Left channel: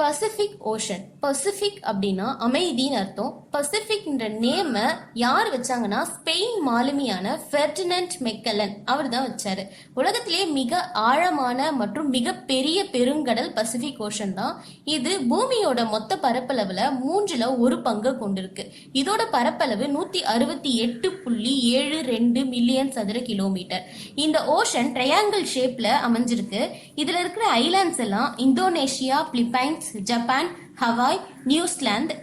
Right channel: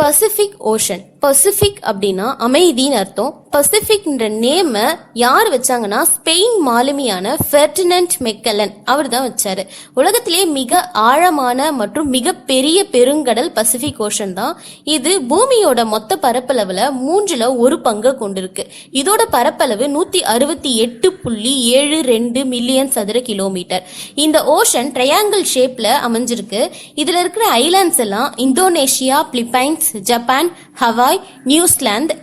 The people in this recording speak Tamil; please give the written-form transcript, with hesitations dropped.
Pacific ocean. பசிபிக் அப்படின்னா அமைதின்னு அர்த்தம். பசிபிக்ன்ற நேம யார் வச்சாங்கன்னா ஸ்பெயின் மாலுமியான ஃபெர்டினண்ட் மெக்கல்லன் அவர் தான் வச்சாரு. உலகத்திலேயே மிக ஆழமான மற்றும் மிக பெரிய பெருங்கடல் பசிபிக் ஓஷன் தான். இது பூமியோட மொத்த பரப்பளவுல 1/3 கொண்டிருக்கு. இதோட பரப்பளவு 168.72 மில்லியன் சதுர கிலோமீட்டர். இந்த ஓஷன் ட்ரையாங்கிள் ஷேப்ல அமைஞ்சிருக்கு. இதுல இருக்கிற ஐலாண்ட்ஸ் எல்லாம் Indonesia, Philippines, Japan, Hawaii, New Zealand,